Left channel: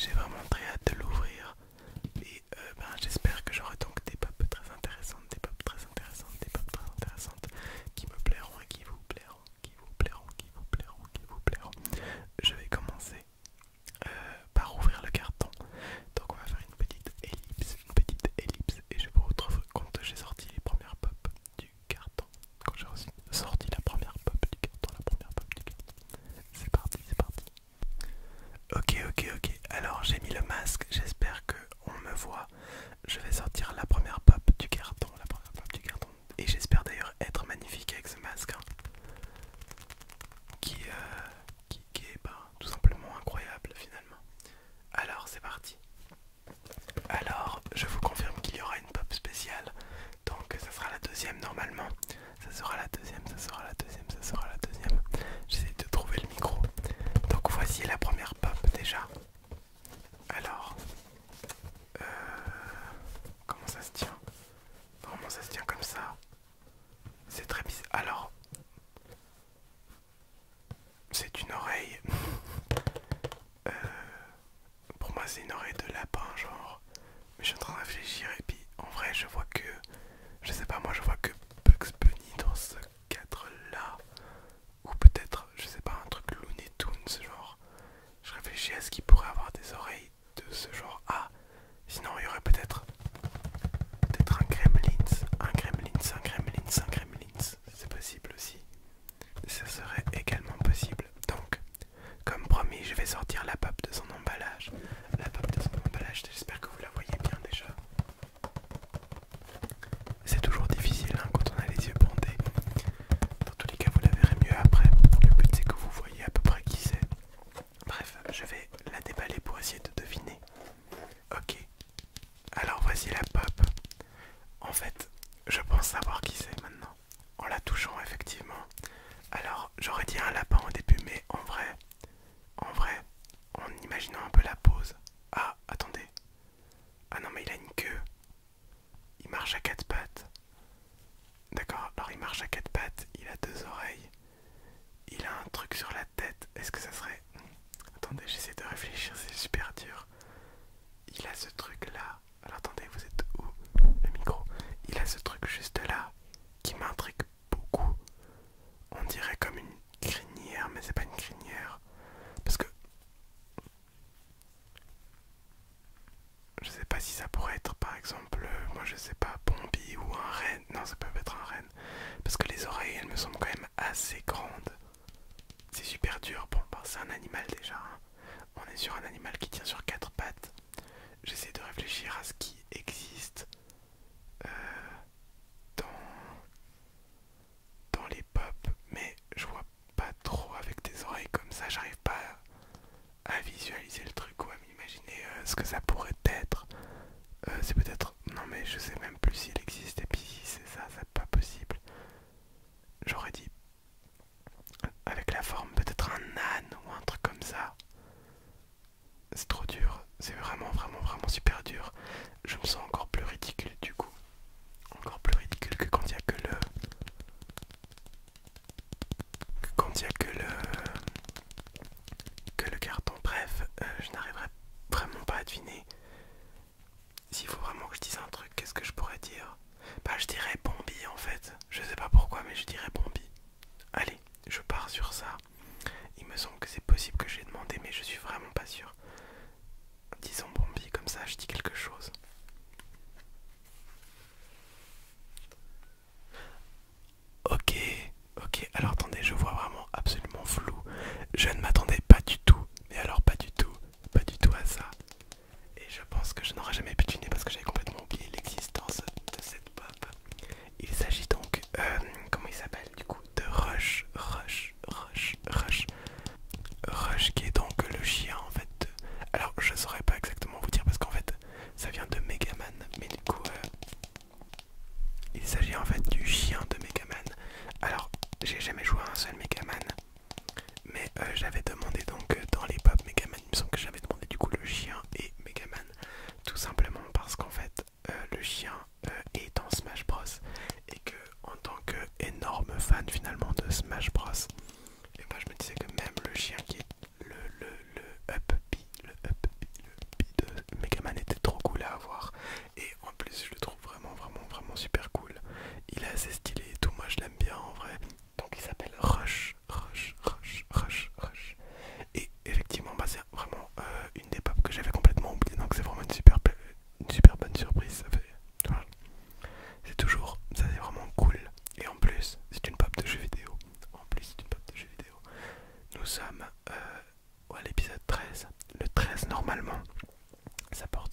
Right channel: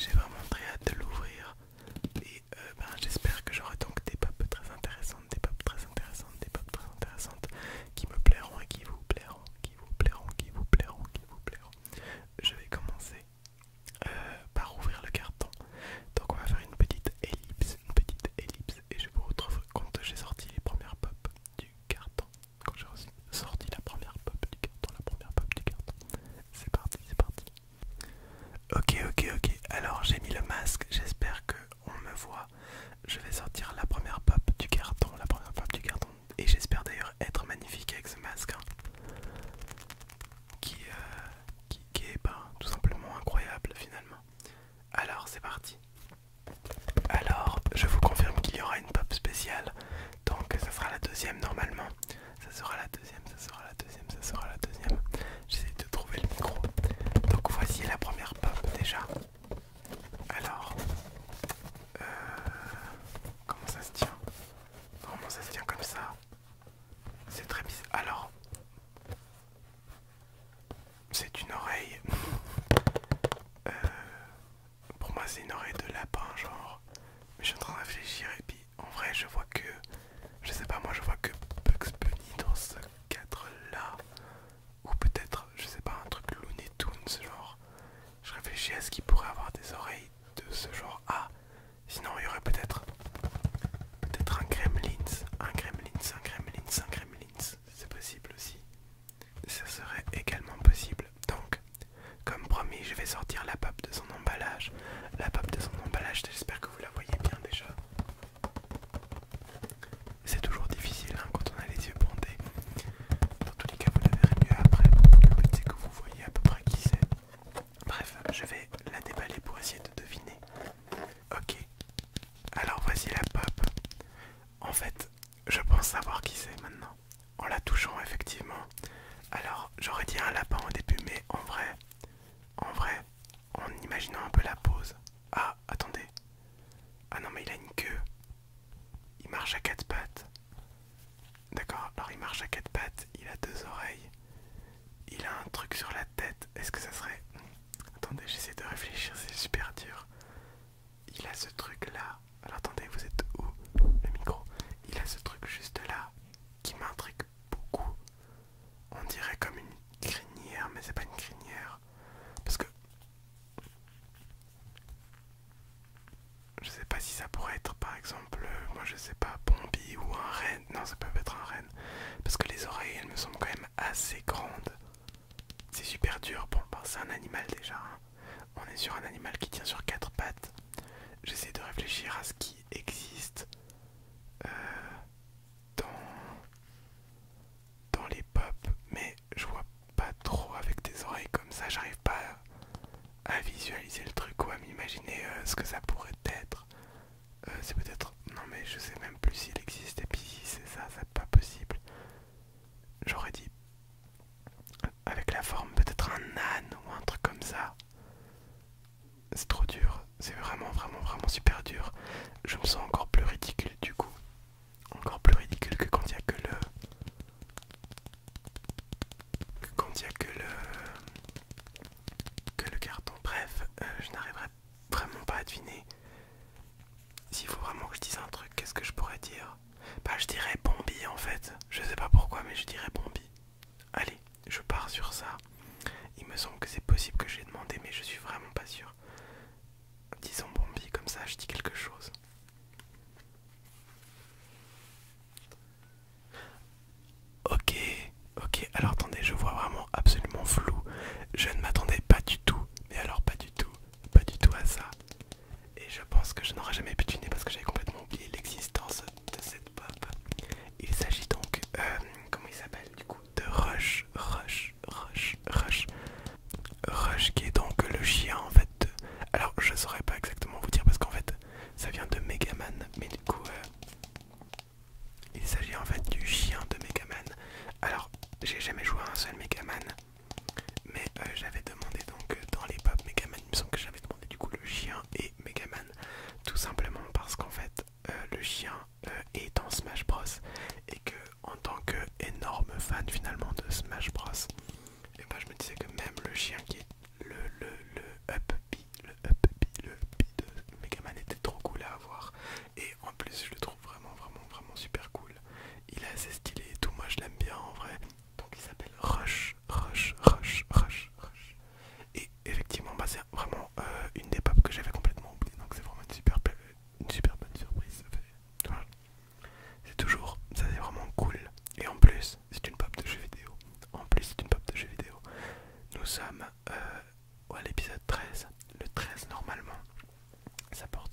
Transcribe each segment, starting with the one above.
j'ai vraiment très hâte de l'ouvrir. Et ben, j'espère que j'aurai donc des pop très intéressantes, des pop très intéressantes, des pop très intéressantes qui me plairont et qui vous plairont, qui vous plairont, qui vous plairont, qui vous plairont. Je vais commencer par ouvrir le carton. Donc on va faire une petite ellipse, et je vous retrouve quand j'ai sorti les premières pop du carton. Quand j'ai sorti la première pop du carton, la première pop du carton. C'est parti, c'est parti. Ok. Alors j'ai mis le masque, j'espère que on me voit. Je vais sortir la première pop du carton, la première pop du carton. Et j'espère d'ailleurs être magnifique avec ce masque, hein, qui est tout simplement incroyable finalement. Alors c'est parti. Alors je vous confirme qu'il y aura une pop spéciale. Donc ça sera la deuxième normalement. Ça sera la deuxième, ça sera la deuxième, ça sera la deuxième. J'essaie de trouver le micro. Donc voici la première pop déjà. Alors, comment ça se tient? Normalement ça se tient comme ça. C'est très bizarre. Alors, c'est une oreille. Pour moi c'est une oreille de lapin genre. Mais je suis en train de réfléchir et puis en vrai je vois que, je sais pas moi, je vois que Bugs Bunny dans ce cadre là. Ou peut-être, je sais pas, un truc Looney Tunes genre. Je réfléchis à ce qui pourrait avoir des oreilles de ce genre. Ah, sinon il y aurait peut-être un Gremlins, un Gremlins, un Gremlins, un Gremlins. C'est possible aussi. Ça serait également possible. Donc, comme promis, je vais sortir la pop de son emballage. La pop de son emballage, j'espère que vous la voyez bien déjà. C'est toujours difficile hein, quand on a les yeux bandés. Dans tous les cas, vous la verrez mieux après. Le but c'est que vous voyez à peu près qui c'est. Bref, je vais la déballer pour essayer de deviner. Ok, alors voici la pop. En fait, je pense savoir qui c'est maintenant. En la touchant effectivement. Alors, j'aurais dit un lapin au début, mais en vrai, en imaginant un peu la pose. Ah, attendez. Ah non, mais il a une queue. Il marche à quatre pattes. D'accord, alors il marche à quatre pattes, il a deux oreilles. Il a un truc sur la tête. Est-ce que ça serait... Attendez, j'essaie de réfléchir, c'est super dur. Il a ce truc là. Alors attendez, vous êtes où? Le micro. Il a ce truc juste là qui m'intrigue beaucoup. On dirait comme une crinière, mais c'est pas une crinière. Parce que je sais pas si ça pourrait être par exemple, moi je sais pas, Bombi ou un renne. Non, ça peut être un renne. Parce que les oreilles, elles me semblent quand même assez grandes. C'est super dur. Bon, ben, c'est un animal déjà. Hein. On est sur un animal qui tient sur quatre pattes. J'essaie de réfléchir à ce qui existe dans les pop, mais je vois pas trop avec des oreilles comme ça. J'arrive pas à visualiser le truc ou à m'imaginer ce que ça pourrait être. C'est peut-être... Non mais je sais même plus s'il existe et puis si c'est ça, c'est pas possible. J'aurais dit avec la forme peut-être un âne ou un truc comme ça. C'est trop dur, c'est vraiment super dur. Je me sens encore plus ridicule du coup. Encore plus ridicule que quand il y a que le... que le carton. Bref, je n'arriverai vraiment pas à deviner. S'il faut vraiment que je dise un truc, qu'est-ce que je pourrais dire? Bah je dirais Bombi en fait. Je sais pas pourquoi mais je dirais Bombi. Allez, je pars sur ça. Il me semble que c'est possible que j'ai demandé mais je suis vraiment pas sûr. Disons Bombi, comme ça je dis quelque chose. Ok, alors attendez, je vois vraiment absolument flou. Je ne m'attendais pas du tout, mais alors pas du tout à ça. Et je pense que je n'aurais jamais pu deviner parce que j'avais complètement oublié l'existence de cette pop. Il s'agit donc, comment il s'appelle du coup? De Rush qui est donc le chien en fait. Alors je saurais pas exactement vous dire parce qu'en fait ça vient de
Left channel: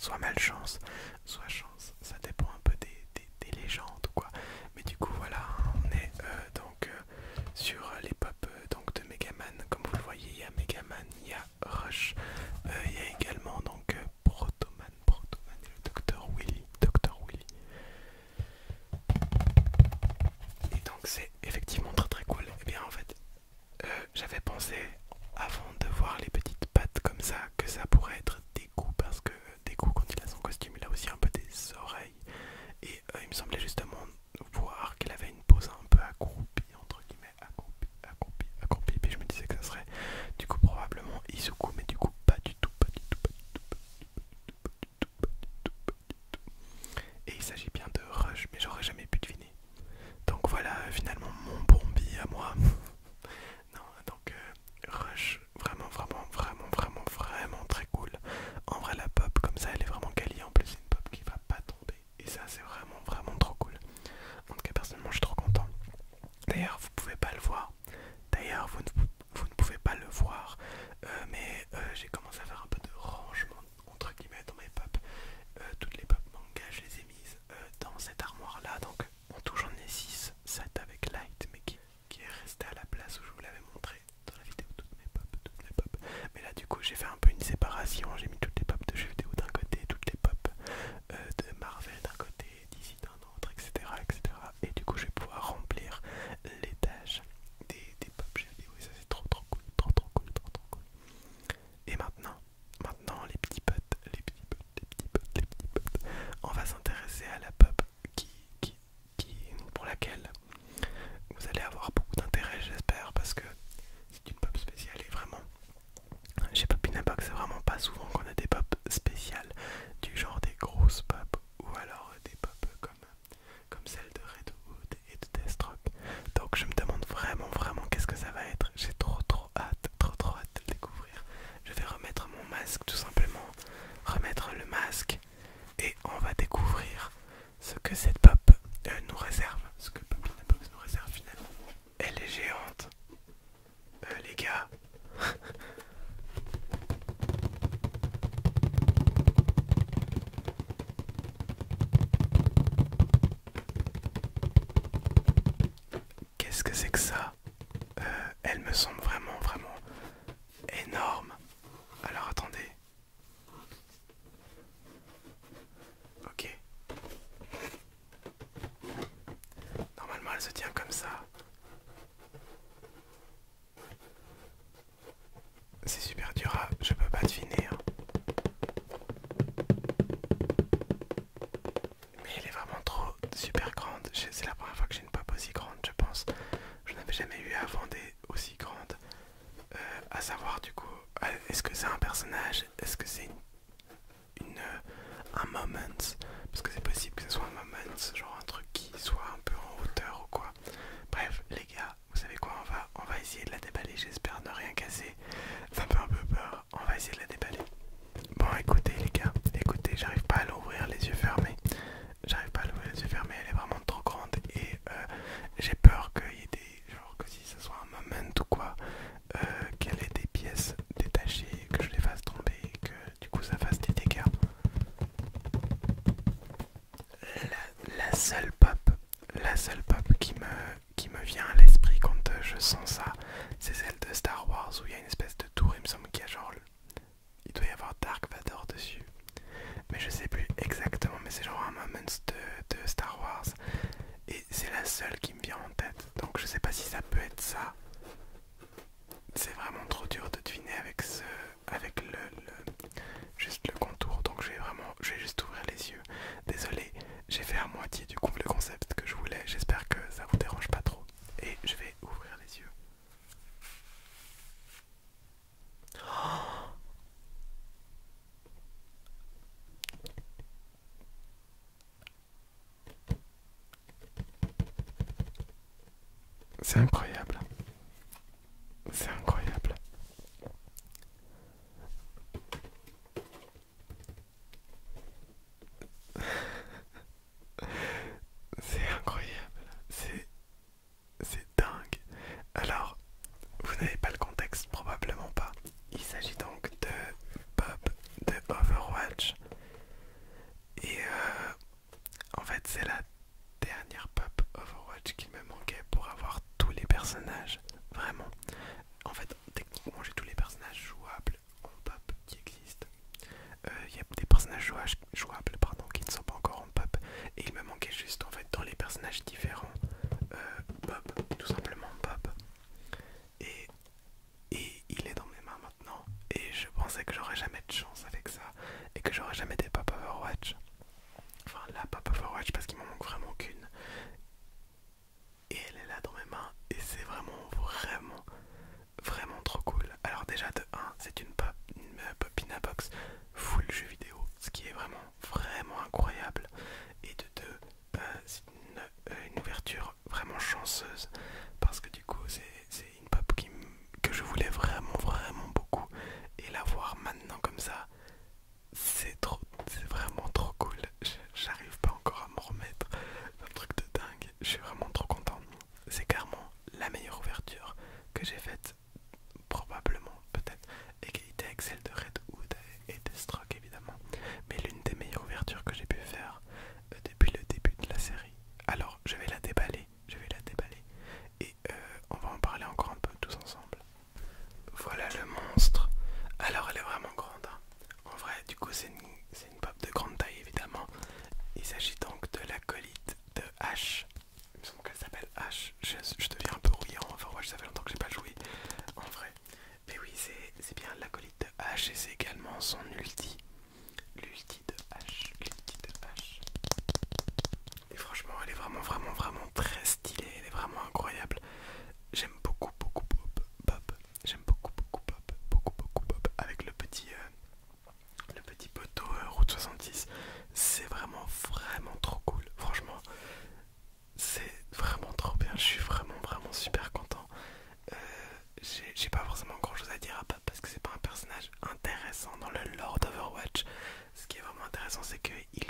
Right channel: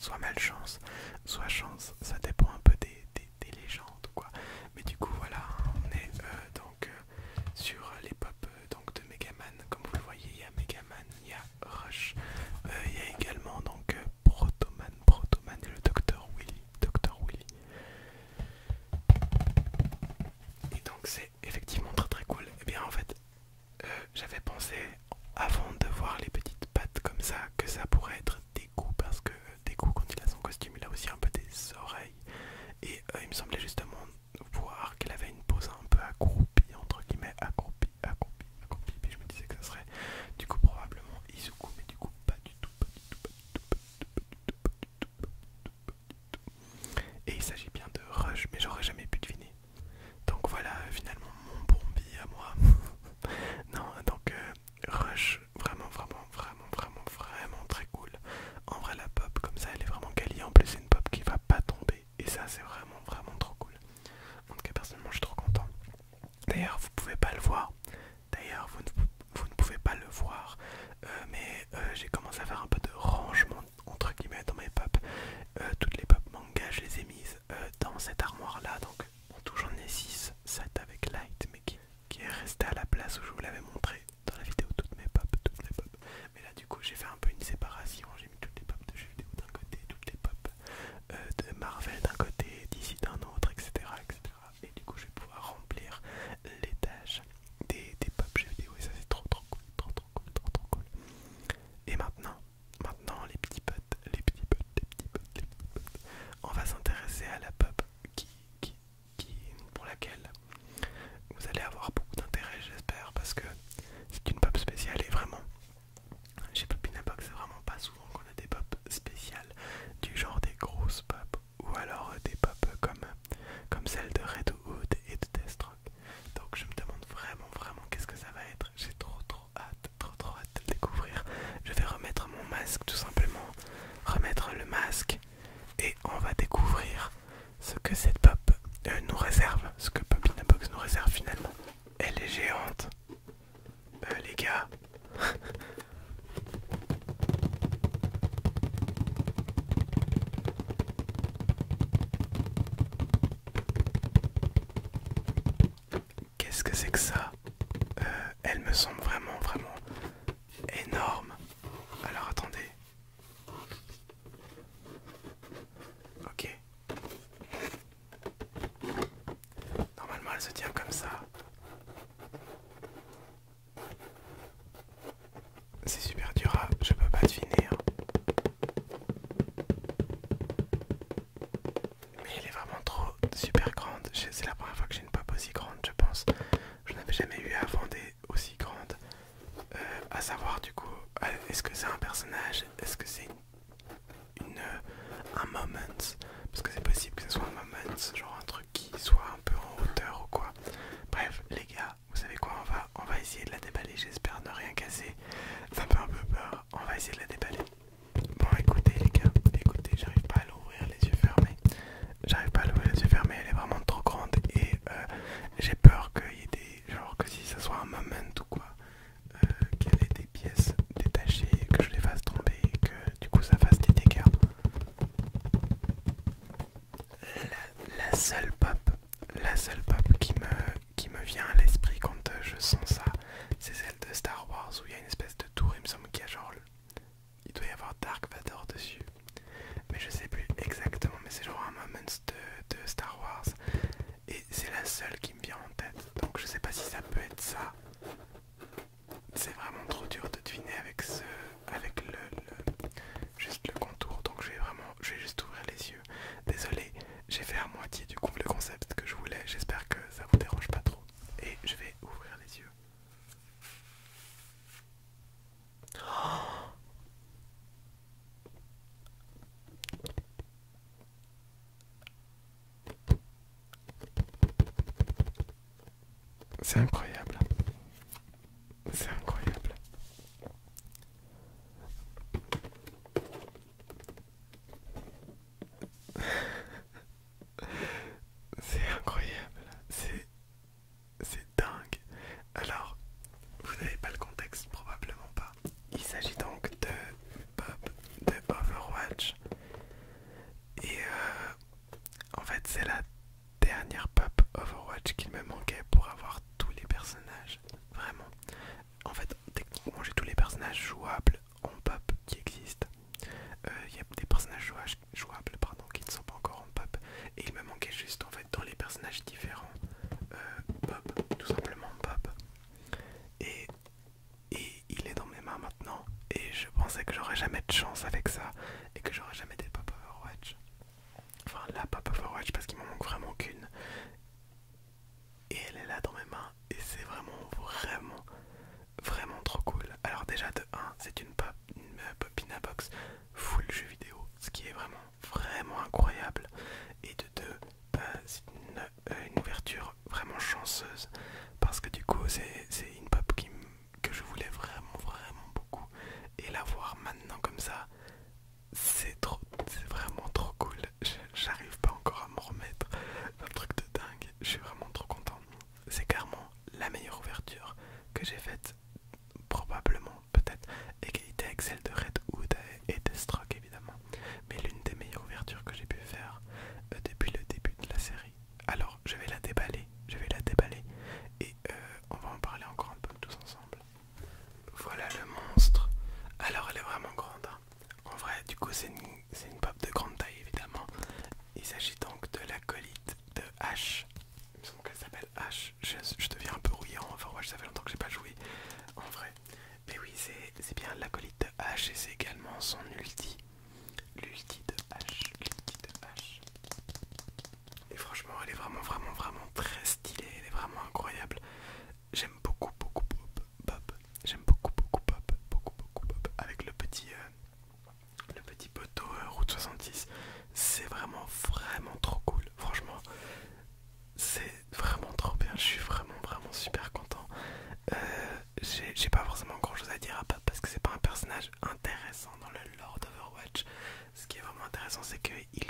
soit malchance, soit chance, ça dépend un peu des légendes quoi. Mais du coup voilà, on est donc sur les pop donc de Megaman, comme vous le voyez, il y a Megaman, il y a Rush, il y a également donc Protoman et le Dr Willy, Et donc c'est effectivement très très cool. Et bien en fait, j'avais pensé avant de voir les petites pattes comme ça que ça pourrait être Deku, parce que Deku quand il a son costume il a aussi un peu des oreilles. Et il me semblait justement voir qu'elle avait une pose un peu accroupie, entre guillemets, accroupie. Puis je me disais que ça serait du coup probablement Izuku, mais du coup pas du tout, pas du tout, pas du tout, pas du tout, pas du tout, pas du tout, pas du tout, pas du tout. Et il s'agit bien de Rush, mais j'aurais jamais pu deviner. Donc voilà, finalement mon bombi à moi. Non, donc Rush, vraiment très cool. En vrai la pop comme ça elle est vraiment quali, en plus c'est une pop qui va pas tomber. Et ça c'est vraiment trop cool. En tout cas personnellement je suis trop content. D'ailleurs vous pouvez pas le voir. D'ailleurs vous ne pouvez pas le voir. Mais j'ai commencé à faire un peu de rangement entre guillemets dans mes pop. Toutes les pop manga je les ai mises dans cette armoire là. Donc en tout j'en ai 6, 7 avec Light, mais qui est resté à la place où je vous l'avais montré dans la vidéo, toutes mes pop. Mais là du coup j'ai fait un peu une séparation, j'ai mis toutes les pop de jeux vidéo d'un côté, toutes les pop de Marvel d'un côté, d'ici d'un autre, etc., etc. Et du coup je vais pouvoir remplir les tâches des pop jeux vidéo et ça c'est trop cool, trop cool. Et maintenant les petits potes, on va s'intéresser à la pop pour laquelle vous allez avoir beaucoup d'intérêt j'espère, parce que c'est une pop spéciale et vraiment chez Popinabox c'est vraiment pas souvent qu'on a des pop spéciales du genre des grosses pop ou alors des pop comme celle de Red Hood et de Deathstroke. Donc je me demande vraiment qu'est-ce que ça va être. J'ai trop hâte de le découvrir. Je vais remettre mon masque tout simplement, remettre le masque et on va découvrir ce que cette pop nous réserve, ce que Popinabox nous réserve finalement. Elle est géante, les gars. Qu'est-ce que c'est que ça? Elle me semble vraiment énorme. Alors attendez. Ok. Normalement elle se tient comme ça. C'est super dur je peux pas deviner. Hein. Mais elle est vraiment trop super grande. C'est la première fois que j'ai une pop aussi grande, je pense. Je n'avais jamais eu avant des aussi grandes. À savoir du coup, est-ce que c'est un personnage? Est-ce que c'est un moment? Parce que c'est possible que ce soit un moment, genre un truc qui soit un peu en hauteur ou quoi. Bref, les gars, vous savez quoi, on va essayer de la déballer, j'espère ne rien casser. Ça me fait un peu peur, on va essayer de la déballer. Bon écoutez les gars, écoutez, j'arrive pas à l'ouvrir les yeux fermés. Elle est vraiment trop grande et j'ai peur qu'il y ait des... genre que si ça soit un moment ou quoi, qu'elle ait des pièces détachées, que je les fasse tomber et que du coup ça fasse des dégâts. La seule pop qui me vient à l'esprit quand je sens ça, c'est celle de Star Wars où il y a une espèce de tour, il me semble qu'il y a genre il doit y avoir Dark Vador dessus. Mais je sais plus exactement, mais c'est genre un moment de Star Wars. Et c'est la seule qui me vient en tête. Donc je sais pas si ça peut être ça. C'est vraiment trop dur de deviner avec juste le contour. Donc je vais juste ouvrir les yeux. Désolé, j'ai fait à moitié du coup le concept que je voulais. J'espère que ça vous dérange pas trop. Et je vais ouvrir les yeux. Oh, c'est incroyable. C'est incroyable. C'est incroyable. C'est dingue. Alors, vous n'avez pas le contexte, probablement pas. Il s'agit donc de Bob de Overwatch. jamais de chance avec ça et que j'aurai jamais des pop Overwatch. Enfin la pop Overwatch parce qu'il m'en manque vraiment qu'une. Et elle est là dans mes mains et c'est vraiment trop cool. Alors déjà de 1, c'est une Popina Box full jeu vidéo, ce qui est vraiment incroyable. Et de 2, c'est une ouverture vraiment chanceuse parce que du coup c'est une pop que je voulais vraiment beaucoup. Et la voir maintenant comme ça, c'est vraiment trop cool. J'arrive pas encore à m'en remettre. Un truc de dingue. Je suis vraiment trop content. C'est clairement la meilleure ouverture que j'ai faite, probablement, peut-être, égalité avec celle de Redwood et Deathstroke évidemment, mais l'une des meilleures ouvertures que j'ai pu faire depuis le début de la série. Alors je vais la déballer, et on va en parler encore un peu tous ensemble. Voilà le monstre. Alors elle est vraiment grande, hein. En vrai, du coup c'est une pop de grande taille évidemment. Il s'agit donc de l'acolyte de Ash. Il me semble qu'elle s'appelle Ash. Je deviens un peu rouillant, enfin ouais, ça fait longtemps que j'ai pas joué en vrai. Mais oui, c'est bien l'acolyte de Ash et c'est également son ulti. L'ulti de Ash. Et franchement, elle est vraiment très stylée. Elle est vraiment incroyable. J'aime beaucoup Pop. J'aime beaucoup Pop. Avec le petit poteau Route 66. C'est vraiment trop cool. Franchement, c'est vraiment trop bien. Je suis vraiment super content. J'ai pas forcément grand chose à dire à Pop parce que c'est pas un personnage intéressant dans le lore d'Overwatch. Ce qui est vraiment intéressant, c'est qu'il